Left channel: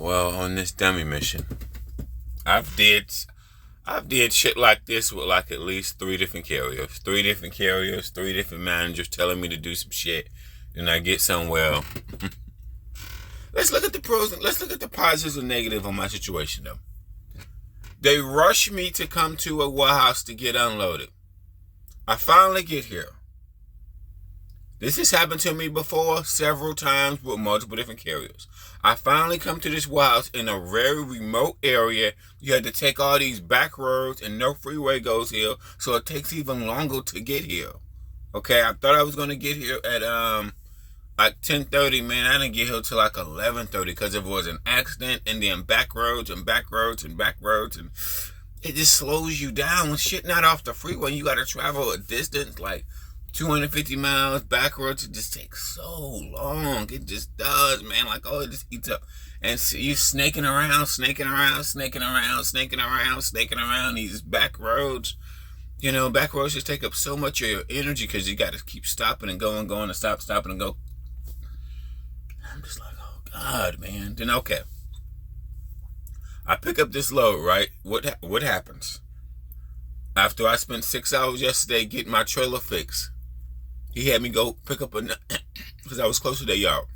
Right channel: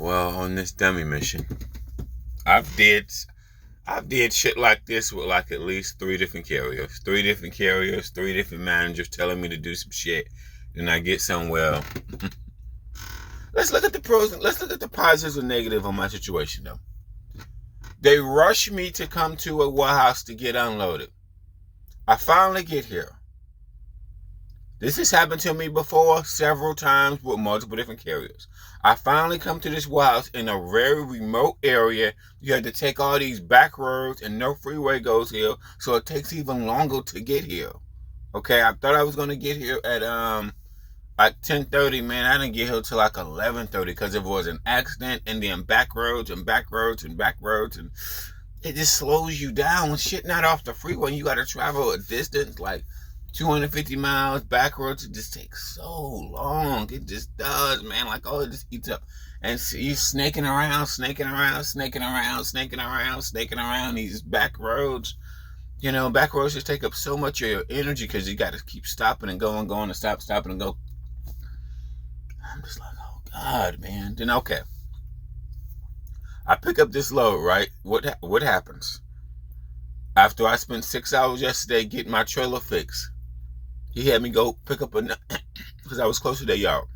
Well, on this dummy mission, I've did shit like this with like at least three different carriers, three different managers telling me to do some shit, and I get somewhere. Let's look at the pros and let's look at the positives and negatives on my situation though. They rush me to come to a warehouse to get unloaded. I finally get here. This has happened to me before several times with multiple different carriers. I finally come to this warehouse in a very remote area. You had to take all these back roads and no freeway goes here, so it takes even longer to get here. Okay, I thought I was gonna get here at like 10:30. Man, I didn't get here till like 11:30 because there was an accident and then back roads and back roads and back roads, and it just slows you down when shit not off the freeway. You got to travel a distance like 250 miles back roads. It just takes so long. It just does, man. Like, oh, it just eats up. And so you snaking around these back roads. You know, back roads just take up so much of your energy because you got to keep stopping and going and stopping and go. I'm just like, oh God, man. Then okay, I pick up this load, right? What happens? After I spent 6 hours yesterday getting my trailer fixed, he had me go pick up because I was close to that yard.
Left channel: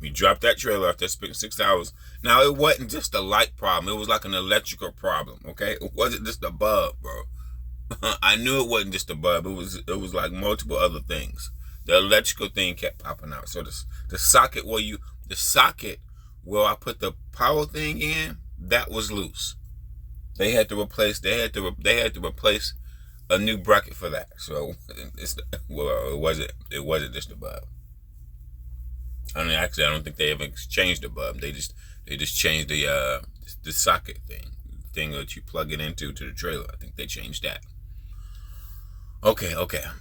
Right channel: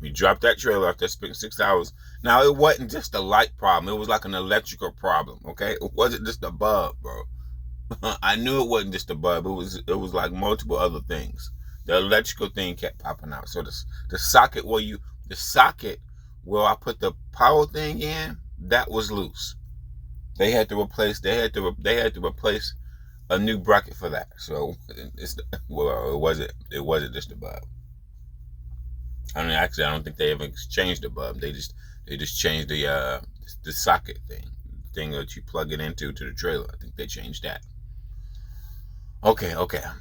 We dropped that trailer after spending 6 hours. Now, it wasn't just a light problem. It was like an electrical problem, okay? It wasn't just a bug, bro. I knew it wasn't just a bug. It was like multiple other things. The electrical thing kept popping out. So the socket where I put the power thing in, that was loose. They had to replace a new bracket for that. So it wasn't just a bulb. I mean, actually, I don't think they ever changed the bulb. They just changed the socket thing that you plug it into to the trailer. I think they changed that. Okay,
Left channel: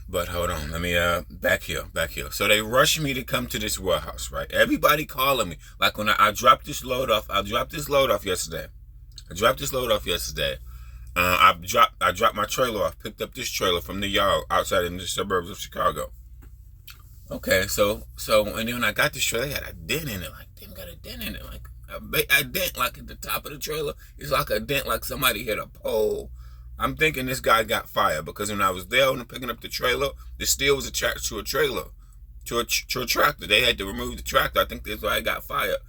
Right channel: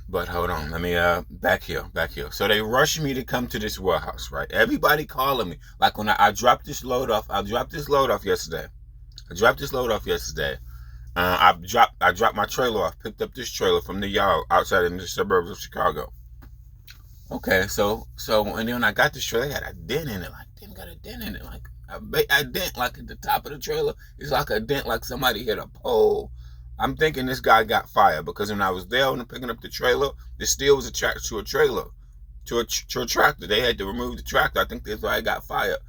but hold on. Let me back here. So they rushed me to come to this warehouse, right? Everybody calling me. Like when I dropped this load off. I dropped this load off yesterday. I dropped my trailer off. Picked up this trailer from the yard outside in the suburbs of Chicago. Okay, so and then when I got this trailer, it had a dent in it. Like, damn, got a dent in it. Like a dent like at the top of the trailer. It's like a dent like somebody hit a pole. I'm thinking this guy got fired because when I was there and picking up the trailer, the steel was attached to a trailer, to a tractor. They had to remove the tractor. I think that's why I got fired.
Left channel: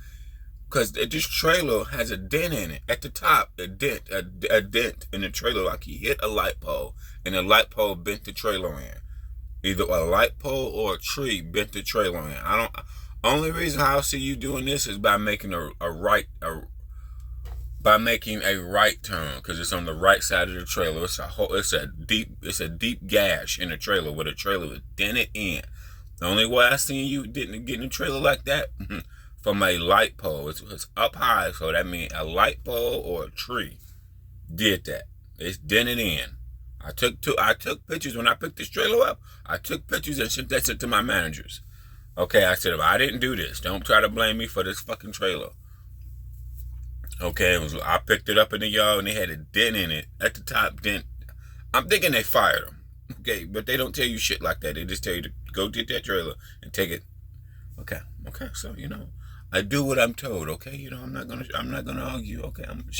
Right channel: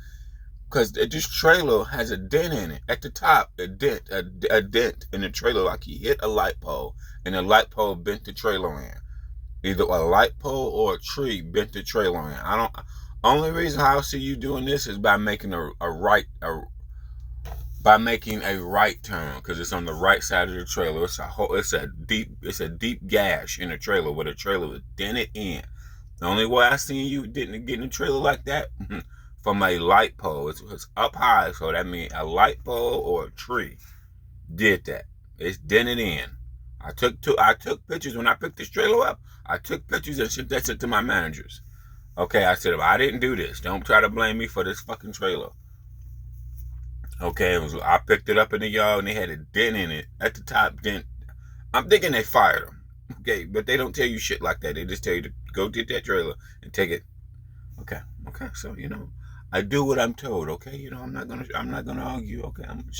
Because this trailer has a dent in it. At the top, a dent in the trailer, like he hit a light pole, and the light pole bent the trailer in. Either a light pole or a tree bent the trailer in. Only reason I see you doing this is by making a right turn, because it's on the right side of the trailer. It's a deep gash in the trailer where the trailer was dented in. The only way I seen you didn't get in a trailer like that from a light pole. It's up high, so that means a light pole or a tree did that. It's dented in. I took pictures when I picked this trailer up. I took pictures and sent that to my managers. Okay, I said, I didn't do this. Don't try to blame me for this fucking trailer. Okay, I picked it up in the yard and they had a dent in it. At the top dent. I'm thinking they fired them. Okay, but they don't tell you shit like that. They just tell you to go get that trailer and take it. Okay, so I do what I'm told, okay? I'm not gonna argue, okay? I'm gonna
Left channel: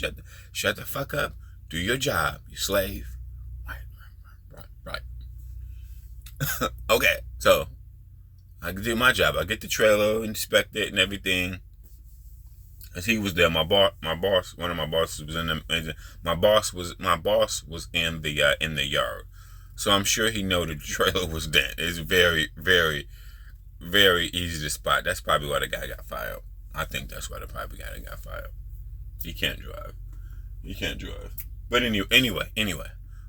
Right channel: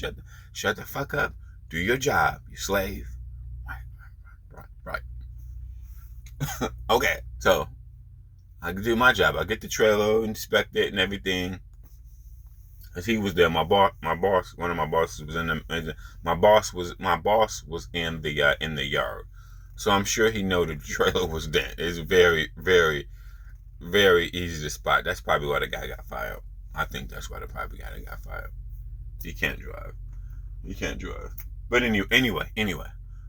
shut the fuck up. Do your job, you slave. Right. Okay, so I do my job. I get the trailer, inspect it and everything. As he was there, one of my bosses was in the. My boss was in the yard, so I'm sure he know the trailer was dent. It's very, very, very easy to spot. That's probably why the guy got fired. I think that's why the guy got fired. He can't drive. But anyway.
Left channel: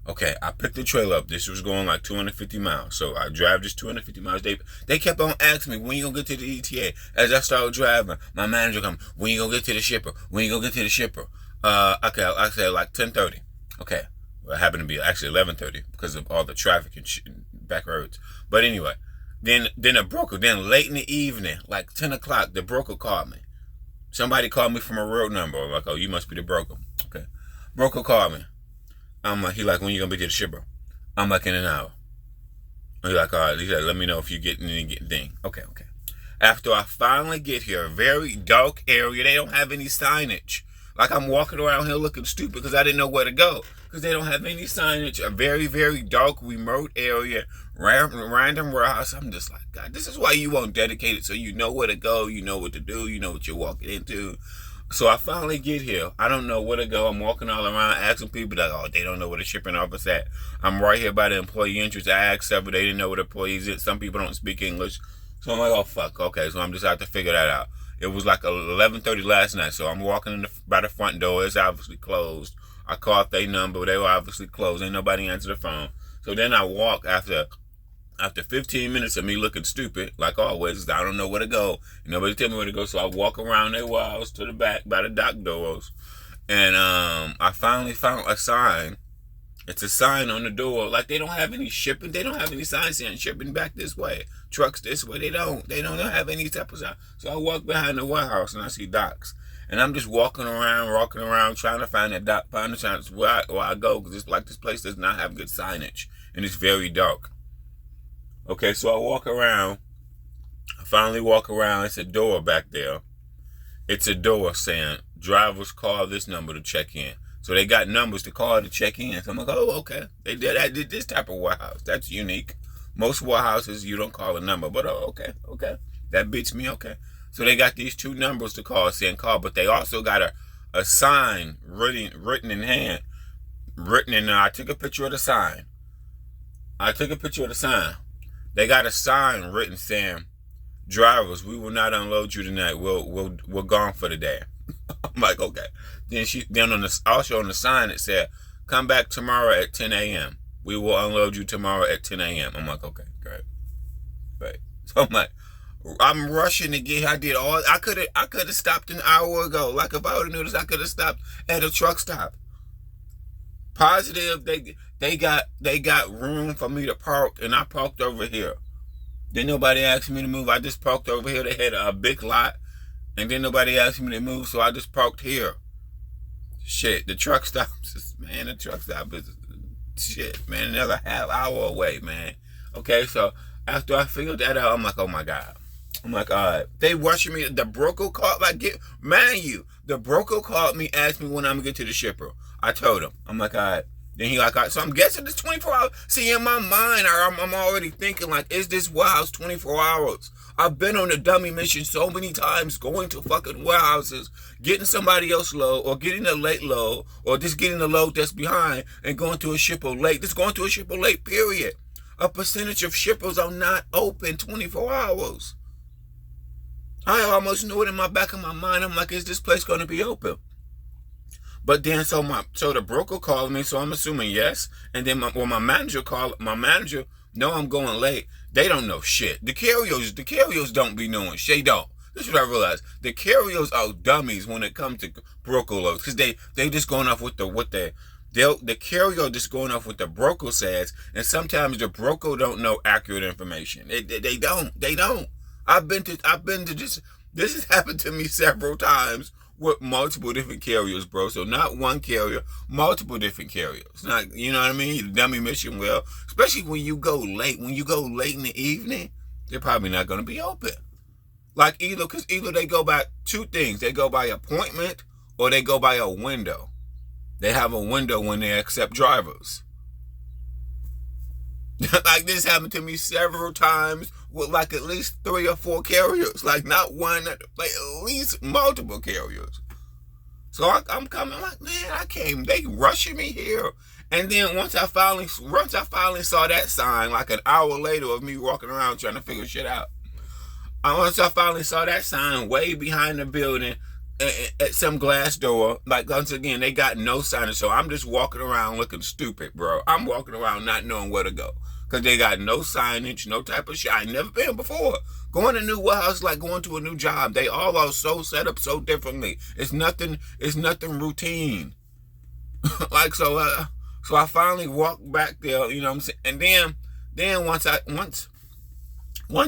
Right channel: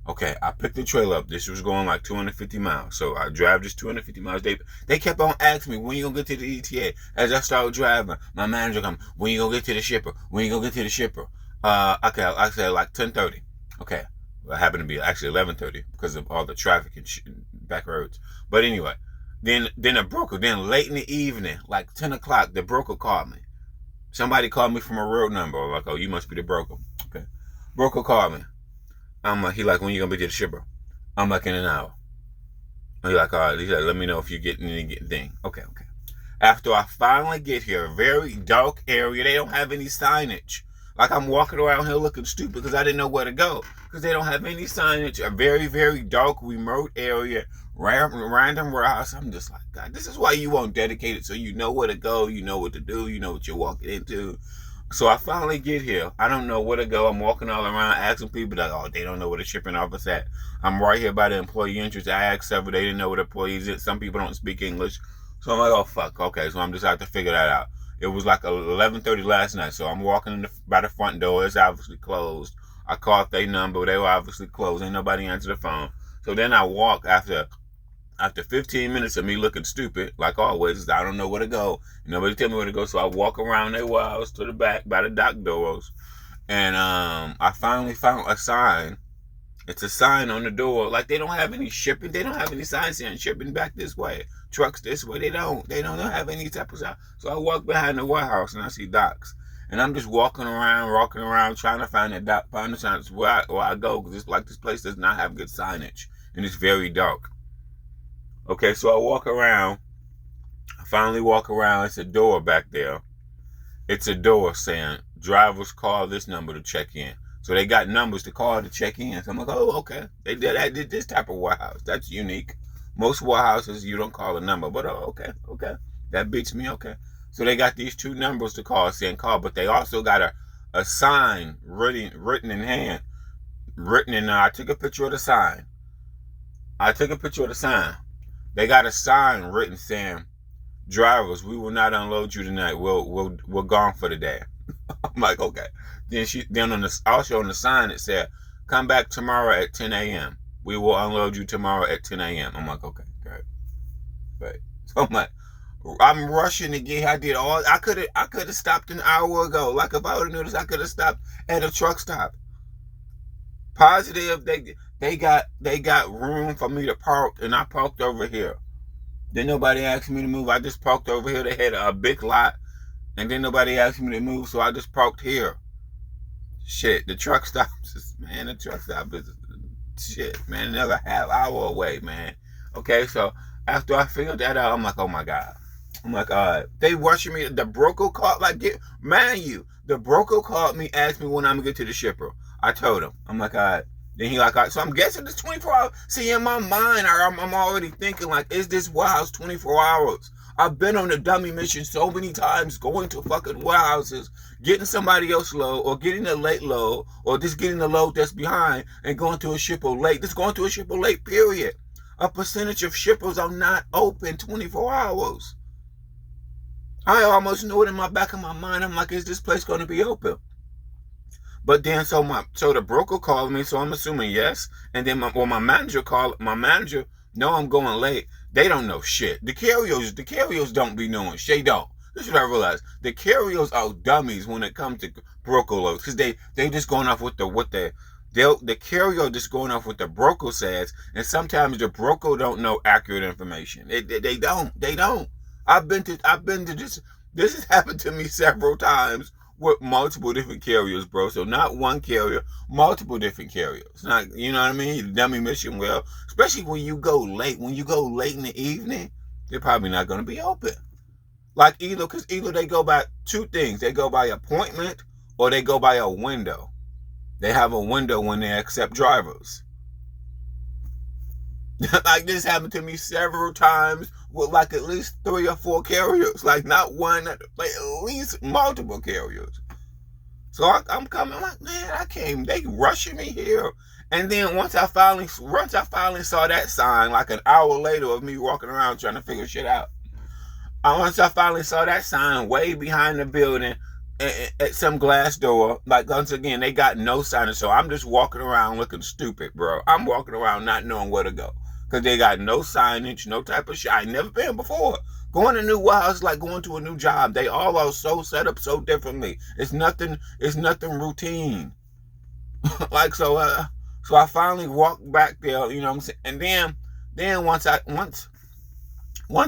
Okay, I picked the trailer up. This was going like 250 miles. So I drive this 250 miles. They kept on asking me, when you gonna get to the ETA? As I started driving, my manager come, when you gonna get to the shipper? Okay, I said like 10:30. Okay, well, it happened to be actually 11:30 because of all the traffic and back roads. But anyway, then a broker, then late in the evening, like 10 o'clock, the broker called me. Somebody called me from a road number. Like, oh, you must be the broker. Okay, broker called me. I'm like, he like, when you gonna be to the shipper? I'm like, in an hour. He like, all right. He like, let me know if you get any thing. Okay. After I finally get here, a very dark area, they don't have any signage. Like I'm walking around here looking stupid because I didn't know where to go. Because they don't have any signage. A very, very dark, remote area, random warehouse. I'm just like, God, this is why you won't dedicate it so you know where to go, you know what to do, you know what you're walking into. So I finally get here. I don't know where to go. I'm walking all around asking people that, oh, they don't know where the shipping office at. I'm right here by the employee entrance. I asked several, they didn't know where the employees is. Some people don't speak English. So I'm like, oh, fuck. Okay, so I'm just out to figure that out. It was like 11:30 last night, so I'm walking by the front door. It's obviously closed. I called their number. They were obviously closed. Ain't nobody answered the phone. So then I walk after 15 minutes of me looking stupid, like always. I don't know where to go. Nobody tell me where to go, so I walk around their warehouse to the back by the dock doors. And I finally found a sign. It's a sign on the door. Like they don't have any shipping. They don't have any signs saying shipping back this way. Trucks this way. They don't have any type of sign. So I walk behind the warehouse and I see docks. And I'm just walking around, trying to find that dock, find the sign where I go, because it's like this place does not have good signage. And it's very dark. Okay, so I walk around. I finally walk around. It's a door back there. It's a door saying, drivers call this number to check in. So they got numbers to call to check in. So I'm like, oh, okay. They did this type of warehouse. That's unique. Most warehouses, you don't call a number. But okay. That beats me, okay. So they got these two numbers to call, saying call. But they also got a sign written in hand. I took a picture of the sign. They got a sign written saying, drivers, we will not unload you tonight. We're gone for the day. I'm like, okay. Then also on the sign it said, come back tomorrow at 10 a.m. We will unload you tomorrow at 10 a.m. I'm like, okay, great. Right. So I'm like, I'm rushing to get here. I could have stopped an hour ago. Like if I would have noticed, I could have stopped at a truck stop. Positive, they got room for me to park, and I parked over here. Then nobody asked me to move. I just parked over here. They had a big lot, and then nobody asked me to move, so I just parked here. Shit, the truck stop is shit, man, another half hour away, man. Okay, so after I figured that out, I'm like, oh my God. I'm like, all right. They rushing me. The broker called, the broker called me, asked me when I'm gonna get to the shipper. I told him. I'm like, all right. Then he like, all right. So I'm guessing it's 24 hours. See, in my mind, I'm already thinking like, is this warehouse 24 hours? I've been on a dummy mission so many times, going to fucking warehouses, getting somebody else load, or getting a late load, or just getting a load that's behind and going to a shipper late. Just going to a shipper late, period. A percentage of shippers are not open 24 hours. I almost knew it in my back of my mind. I'm like, is this place going to be open? But then, so the broker called me, so I'm assuming yes. And then my manager called. My manager, no, I'm going late. They don't know shit. The carriers don't be knowing shit. They don't. This is what I realized. The carriers are dummies when it comes to broker loads, because they just going off with the carrier just going off what the broker says, and sometimes the broker don't know accurate information. They don't. I've been to this has happened to me several times with multiple different carriers, bro. So not one carrier, multiple different carriers. Not, you know what I mean? Dummy mission, well, especially when you go late. When you go late in the evening, they're probably not going to be open. Like either they go by two things. They go by appointment or they go by a window. They have a window when they accept drivers. Like this happened to me several times with like at least 3 or 4 carriers. Like not one, like at least multiple carriers. So I'm coming like, man, I came. They rushing me here. And then once I finally saw that sign, like an hour later of me walking around trying to figure shit out. Once I finally saw that sign way behind the building at some glass door, like once again, they got no signage. So I'm just walking around looking stupid, bro. I'm walking around not knowing where to go. Because they got no signage, no type of shit. I ain't never been before. Going to a new warehouse is like going to a new job. They all are so set up so differently. It's nothing routine. Like so I finally walked back there, you know what I'm saying? And then once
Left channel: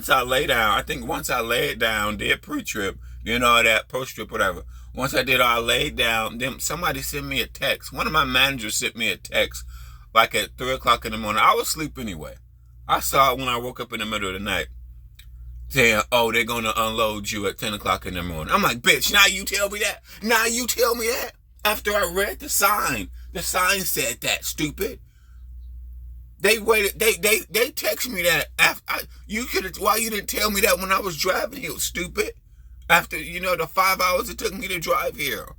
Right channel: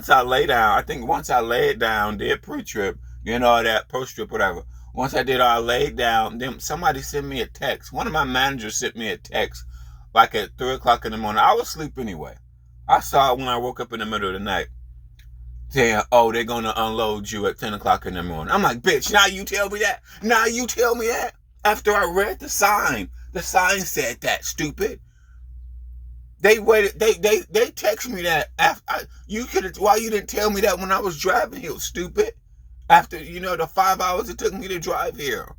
I lay down, I think once I laid down, did pre-trip, you know, that post-trip, whatever. Once I did all, I laid down, then somebody sent me a text. One of my managers sent me a text like at 3 o'clock in the morning. I was asleep anyway. I saw it when I woke up in the middle of the night. saying, oh, they're going to unload you at 10 o'clock in the morning. I'm like, bitch, now you tell me that? Now you tell me that? After I read the sign said that, stupid. They waited, they texted me that after, why you didn't tell me that when I was driving here, stupid? After, the 5 hours it took me to drive here.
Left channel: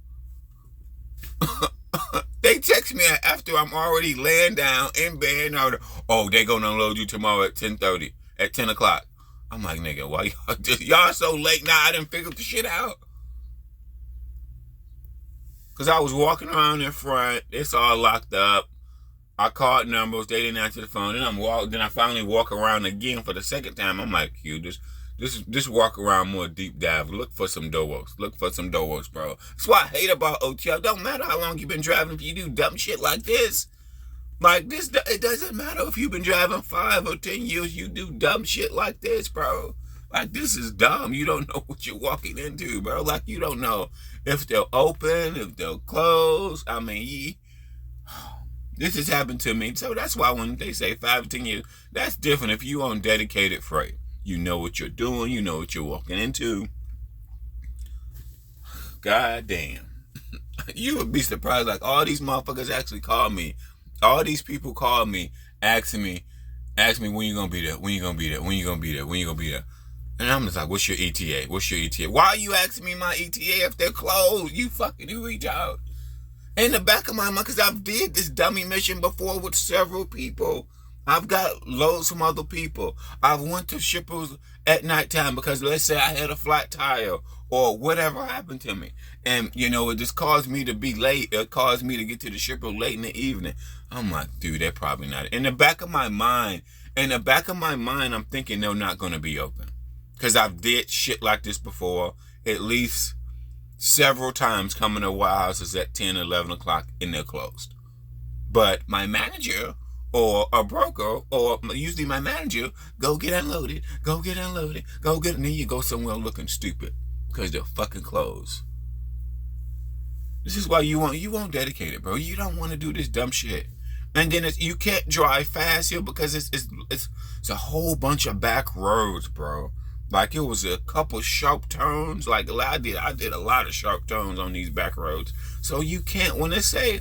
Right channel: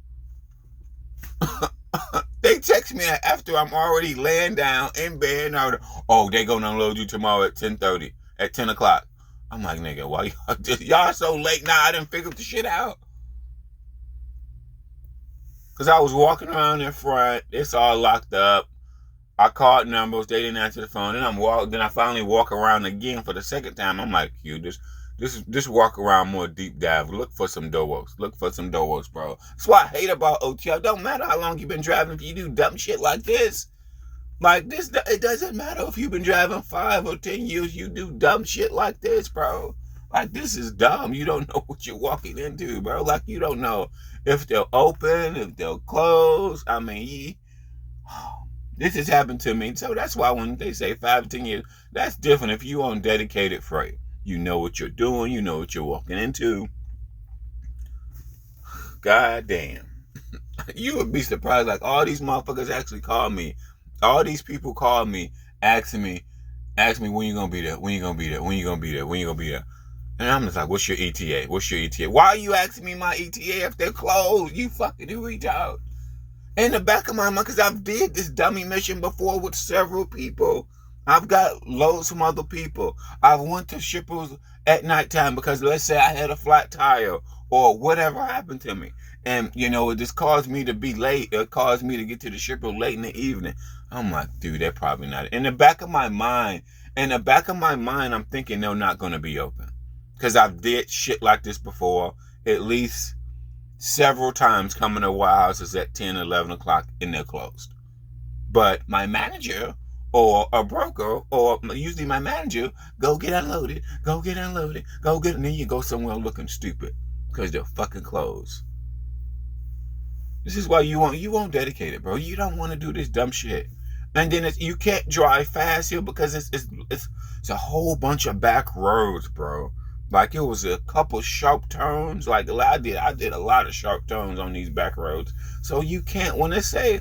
They text me after I'm already laying down in bed. Oh, they're going to unload you tomorrow at 10:30, at 10 o'clock. I'm like, nigga, why y'all so late now? I didn't figure the shit out. Because I was walking around in front. It's all locked up. I called numbers. They didn't answer the phone. Then I finally walk around again for the second time. I'm like, just walk around more deep dive. Look for some doors. Look for some doors, bro. That's what I hate about OTL. Don't matter how long you've been driving. If you do dumb shit like this, it doesn't matter if you've been driving 5 or 10 years. You do dumb shit like this, bro. Like, this is dumb. You don't know what you're walking into, bro. Like, you don't know if they'll open, if they'll close. I mean, this has happened to me. So that's why when they say 5 or 10 years, that's different. If you on dedicated freight, you know what you're doing. You know what you're walking into. God damn. You would be surprised. Like, all these motherfuckers actually call me. All these people call me, asking me when you gonna be there, when you gonna be there, when you gonna be there, when you gonna be there. And I'm just like, what's your ETA? What's your ETA? Why are you asking me my ETA if they're closed? You fucking reach out. In the back of my mind, because I've did this dummy mission before with several people. I've got loads from other people. I've went to shippers at nighttime because let's say I had a flat tire or whatever happened to me. And, it just caused me to be late. It caused me to get to the shipper late in the evening. I'm like, dude, they're probably not. In the back of my mind, I'm thinking they're not going to be open. Because I've did shit like this before, at least several times coming to warehouses at 10, 11 o'clock and they're closed. But my manager or a broker, or usually my manager, go get unloaded, and then you go somewhere looking stupid because they're fucking closed. This is why you won't dedicate it, bro. You don't want to do this dumb shit. And then you can't drive fast here because it's a whole bunch of back roads, bro. Like, it was a couple sharp turns. Like, I did a lot of sharp turns on these back roads. So you can't, when it say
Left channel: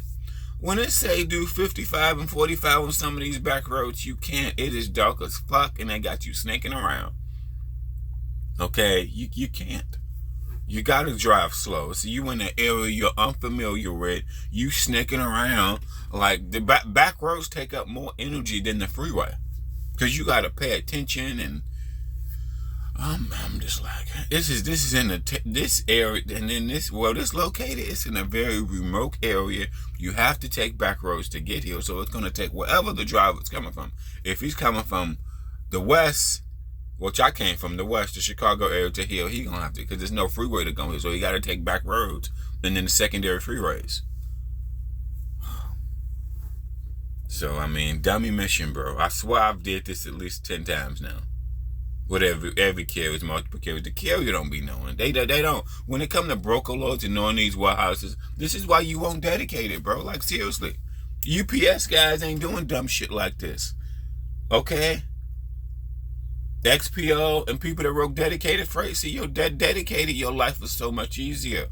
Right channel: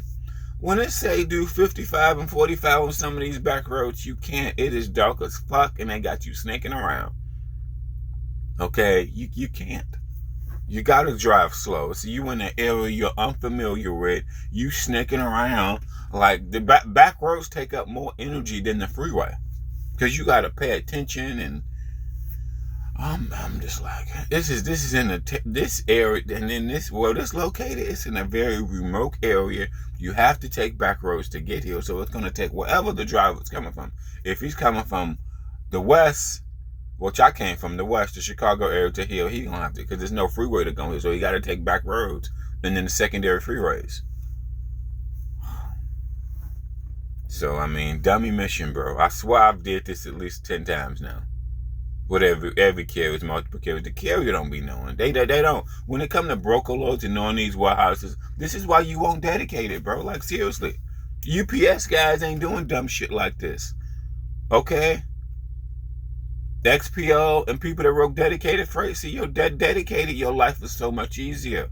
do 55 and 45 on some of these back roads, you can't. It is dark as fuck and they got you snaking around. Okay, you can't. You gotta drive slow. So you in an area you're unfamiliar with, you snaking around. Like, the back roads take up more energy than the freeway. Because you gotta pay attention, and I'm just like, this is in this area, and then this located, it's in a very remote area. You have to take back roads to get here, so it's gonna take wherever the driver's coming from. If he's coming from the west, which I came from the west, the Chicago area to here, he gonna have to, because there's no freeway to go here, so he gotta take back roads, and then the secondary freeways. So, I mean, dummy mission, bro. I swear I've did this at least 10 times now. Whatever, every carrier, multiple carriers. The carrier don't be knowing. They don't. When it come to broker loads and knowing these warehouses, this is why you won't dedicate it, bro. Like, seriously. UPS guys ain't doing dumb shit like this. Okay? XPO and people that wrote dedicated freight, see, you're dedicated, your life is so much easier.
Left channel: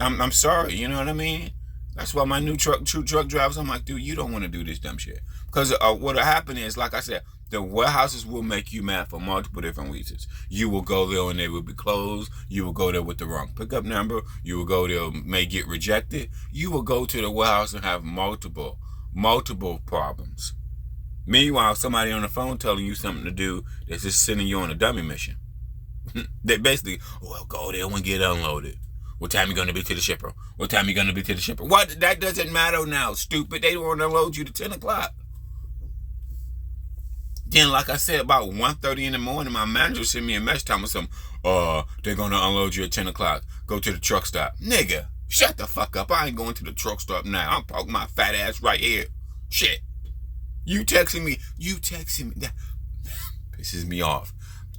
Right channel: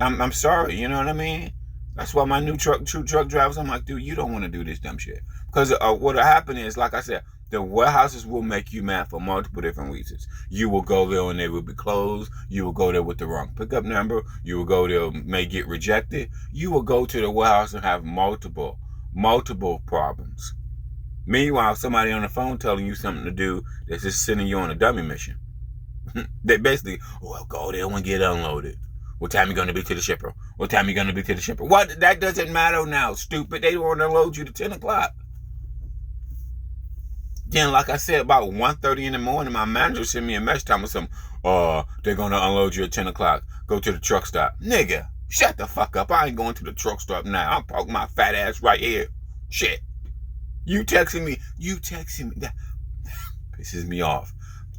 I'm sorry, you know what I mean? That's why my new truck drivers, I'm like, dude, you don't want to do this dumb shit. Because what'll happen is, like I said, the warehouses will make you mad for multiple different reasons. You will go there and they will be closed. You will go there with the wrong pickup number. You will go there, may get rejected. You will go to the warehouse and have multiple problems. Meanwhile, somebody on the phone telling you something to do that's just sending you on a dummy mission. They basically, well, go there and get unloaded. What time you going to be to the shipper? What time you going to be to the shipper? What? That doesn't matter now, stupid. They want to unload you to 10 o'clock. Then, like I said, about 1:30 in the morning, my manager sent me a message telling me something. They're going to unload you at 10 o'clock. Go to the truck stop. Nigga, shut the fuck up. I ain't going to the truck stop now. I'm parking my fat ass right here. Shit. You texting me. That pisses me off.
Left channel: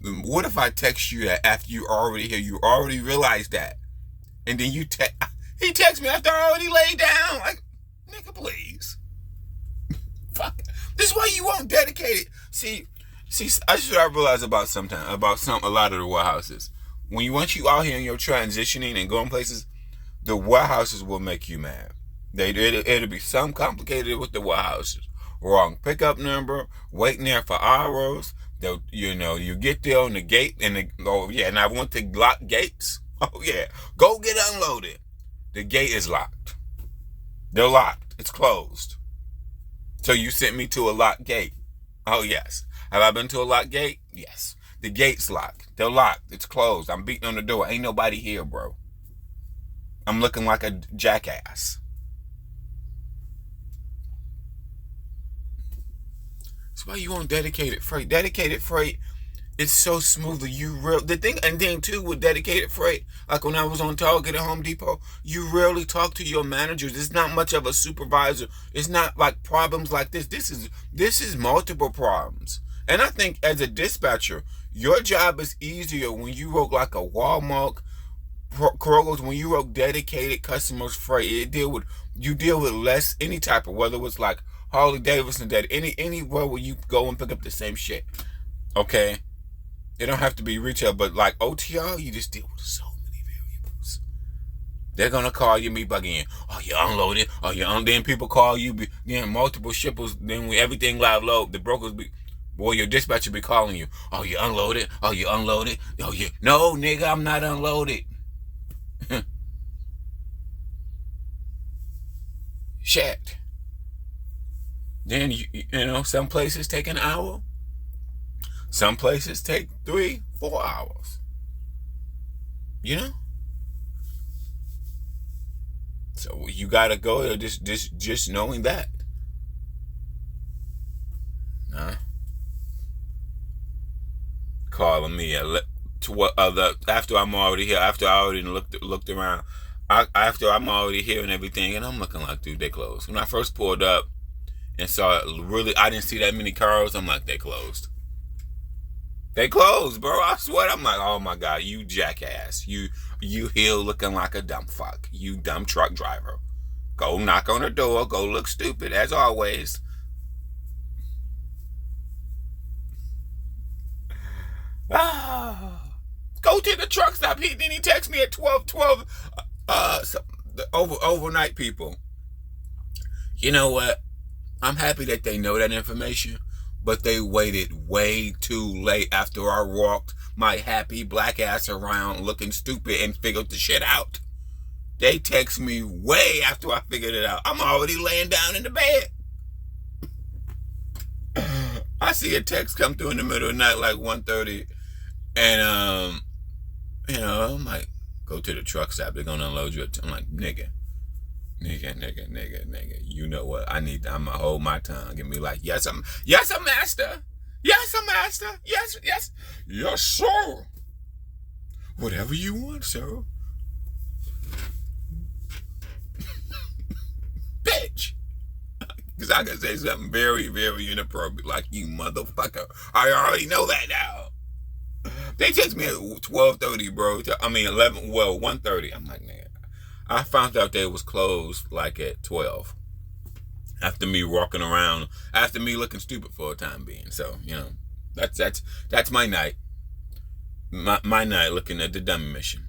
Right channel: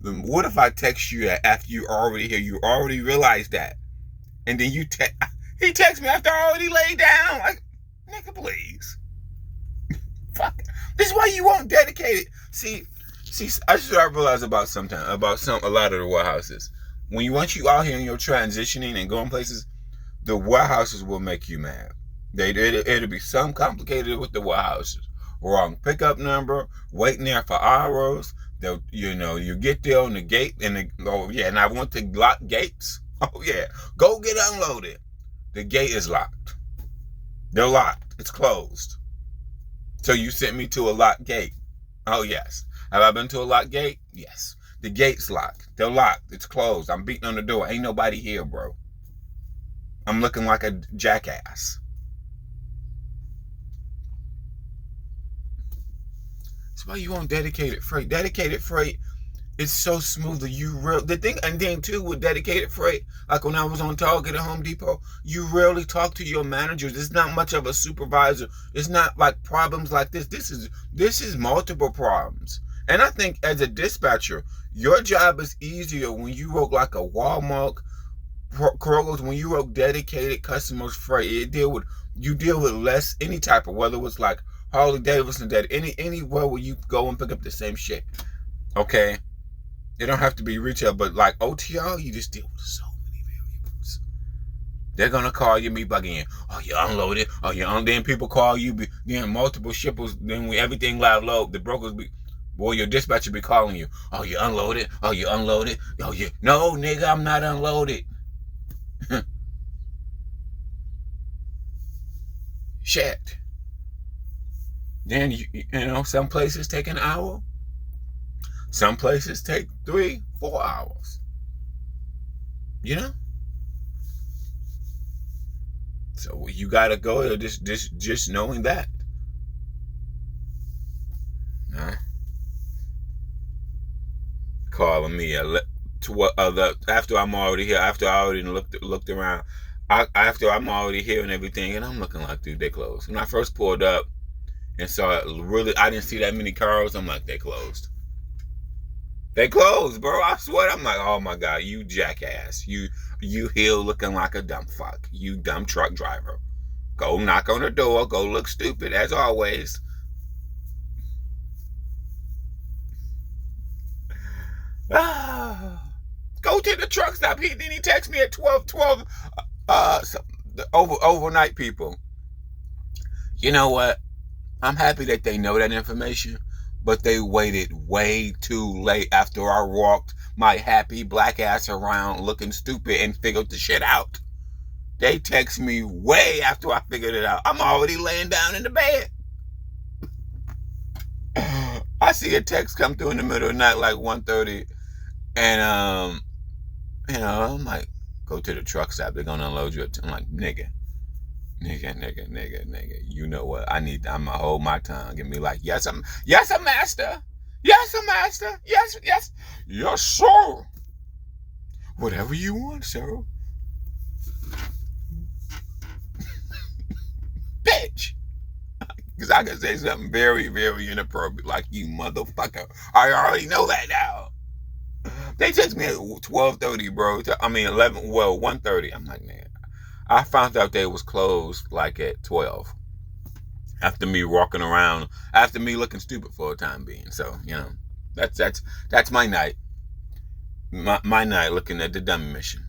What if I text you after you already here? You already realized that. And then he texts me after I already laid down. Like, nigga, please. Fuck. This is why you won't dedicate it. See, See, I just I realize about a lot of the warehouses. Once you out here and you're transitioning and going places, the warehouses will make you mad. It'll be something complicated with the warehouses. Wrong pickup number, waiting there for hours. You get there on the gate and I want to lock gates. Oh yeah, go get unloaded. The gate is locked. They're locked. It's closed. So you sent me to a locked gate. Oh yes. Have I been to a locked gate? Yes. The gate's locked. They're locked. It's closed. I'm beating on the door. Ain't nobody here, bro. I'm looking like a jackass. That's why you want dedicated freight. Dedicated freight is so smooth. The thing, and then too with dedicated freight, like when I was on Target at Home Depot, you rarely talk to your managers. It's not much of a supervisor. It's not like problems like this. This is multiple problems. And I think as a dispatcher, your job is easier when you work like a Walmart, Kroger's, when you work dedicated customers freight. You deal with less any type of, whether it's like Harley Davidson, that anywhere where you go and pick up the same shit. Okay? It don't have to be retail, but like OTR, you just deal with so many variables. They're gonna call you, me bugging in. Oh, you unloaded. Oh, then people call you. Then multiple shippers. Then when everything live load, the brokers your dispatcher be calling you. Oh, you unloaded. Oh, you unloaded. Oh, no, nigga, I'm not unloaded. Shit. Then some places take an hour. Some places take 3-4 hours. So you gotta go there just knowing that. Calling me after I'm already here. After I already looked around. After I'm already here and everything, and I'm looking like, dude, they closed. When I first pulled up and saw it, I didn't see that many cars. I'm like, they closed. They closed, bro. I swear. I'm like, oh my God, you jackass. You here looking like a dumb fuck. You dumb truck driver. Go knock on the door. Go look stupid as always. Go to the truck stop. Then he texted me at 12. Overnight people. You know what? I'm happy that they know that information. But they waited way too late after I walked my happy black ass around looking stupid and figured the shit out. They text me way after I figured it out. I'm already laying down in the bed. I see a text come through in the middle of the night like 1:30. And, I'm like, go to the truck stop. They're going to unload you. I'm like, nigga. You know what? I'm going to hold my tongue and be like, yes, I'm master. Yes, I'm master. Yes, sir. Whatever you want, sir. Bitch. Because I can say something very, very inappropriate, like, you motherfucker. I already know that now. They text me at 12:30, bro. 1:30. I'm like, man. I found out they was closed like at 12. After me walking around, after me looking stupid for a time being. So, that's my night. My night looking at the dummy mission.